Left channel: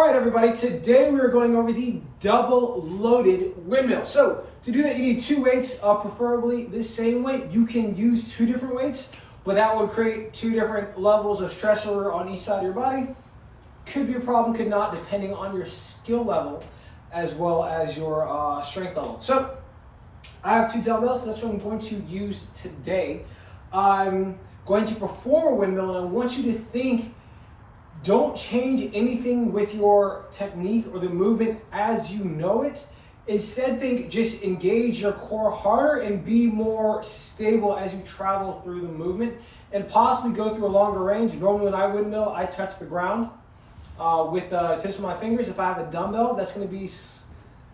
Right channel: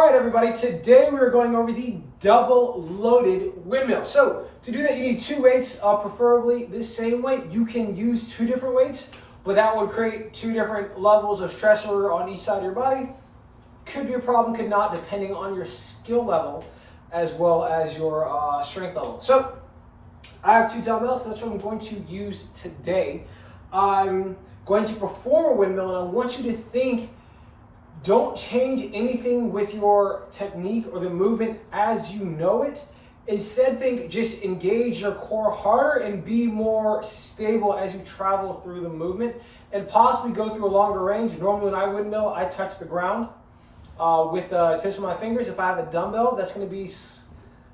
All right, everybody, today we're going over the double loaded windmill. So to do that, you need two weights, preferably the same weight. You can use two different weights, but that would create two different levels of stressor on each side of your body. Could be a problem, could not, depending on your skill level as well as your strength level. So I have two dumbbells, so that's what I'm going to use today. I'm going to perform a windmill, and I want you to think, don't change anything with your technique or the movement as you know it. Instead, think, just engage your core harder and be more stable as you travel through the movement and possibly go through a longer range. Normally when I windmill, I touch the ground with the tips of my fingers. If I have a dumbbell, that's going to be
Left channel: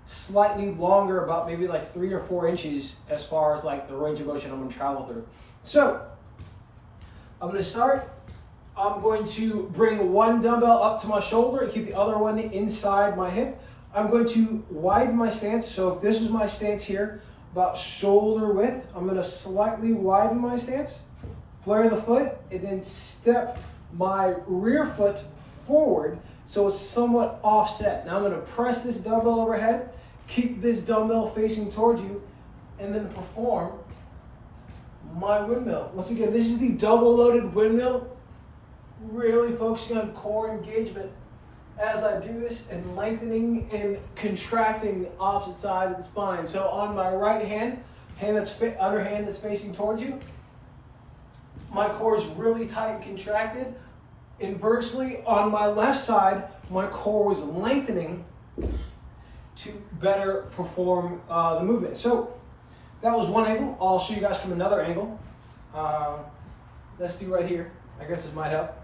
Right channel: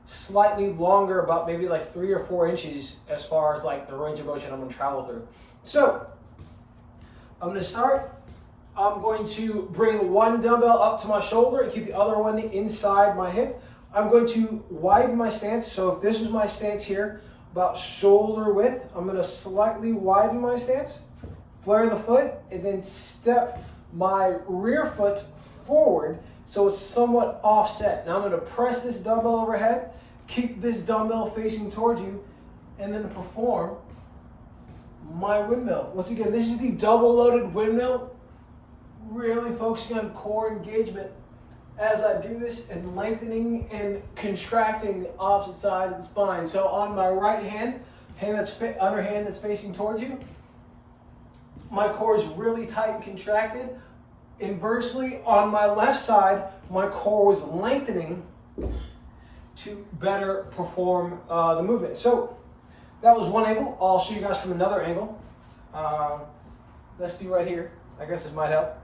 slightly longer, about maybe like 3 or 4 inches as far as like the range of motion I'm going to travel through. So I'm going to start. I'm going to bring one dumbbell up to my shoulder and keep the other one inside my hip. I'm going to widen my stance. So if this is my stance here, about shoulder width, I'm going to slightly widen my stance, flare the foot, and then step my rear foot forward so it's somewhat offset. Now I'm going to press this dumbbell overhead, keep this dumbbell facing towards you, and then perform my windmill. Once again, this is the double loaded windmill. Really focusing on core engagement as I do this and lengthening and contracting the opposite side of the spine. So on my right hand, underhand that's facing towards you, my core is really tight and contracted. Inversely, on my left side, my core was lengthening to better perform the movement. So that was one angle. I'll show you guys from another angle. Let's do right here. I guess this might help.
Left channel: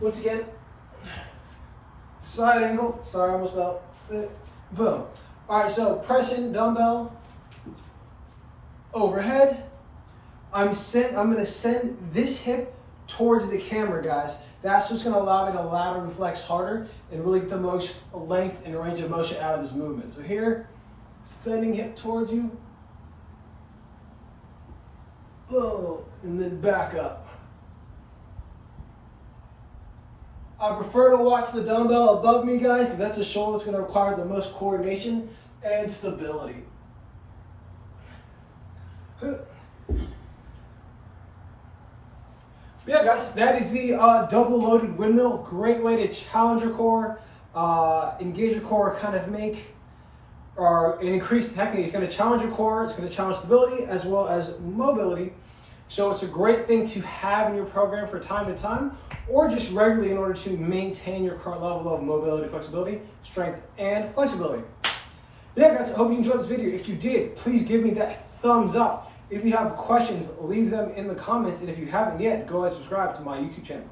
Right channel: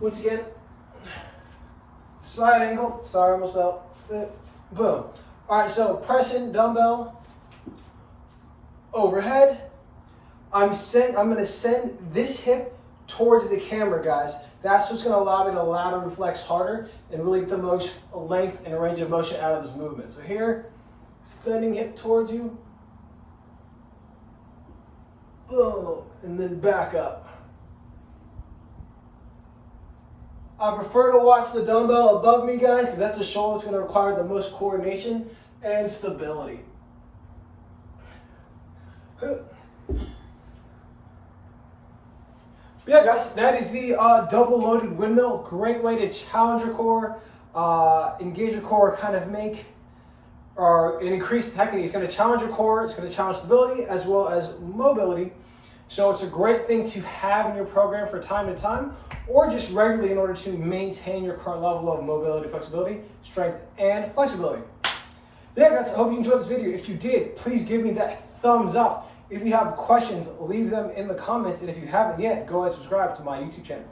Once again, side angle. Sorry, almost fell. Boom. All right, so pressing dumbbell overhead. I'm going to send this hip towards the camera, guys. That's what's going to allow me to lateral flex harder and really get the most length and range of motion out of this movement. So here, sending hip towards you. Boom, and then back up. I prefer to watch the dumbbell above me, guys, because that's a shoulder that's going to require the most coordination and stability. Yeah, guys, that is the double loaded windmill. Great way to challenge your core, engage your core, kind of make or increase technique. It's going to challenge your core, it's going to challenge stability as well as mobility. So it's a great thing to have in your program for time to time, or just regularly in order to maintain your current level of mobility, flexibility, strength, and flexibility. Yeah, guys, I hope you enjoyed this video. If you did, please give me that thumbs up. If you have questions, leave them in the comments. And if you haven't yet, go ahead and subscribe to my YouTube channel.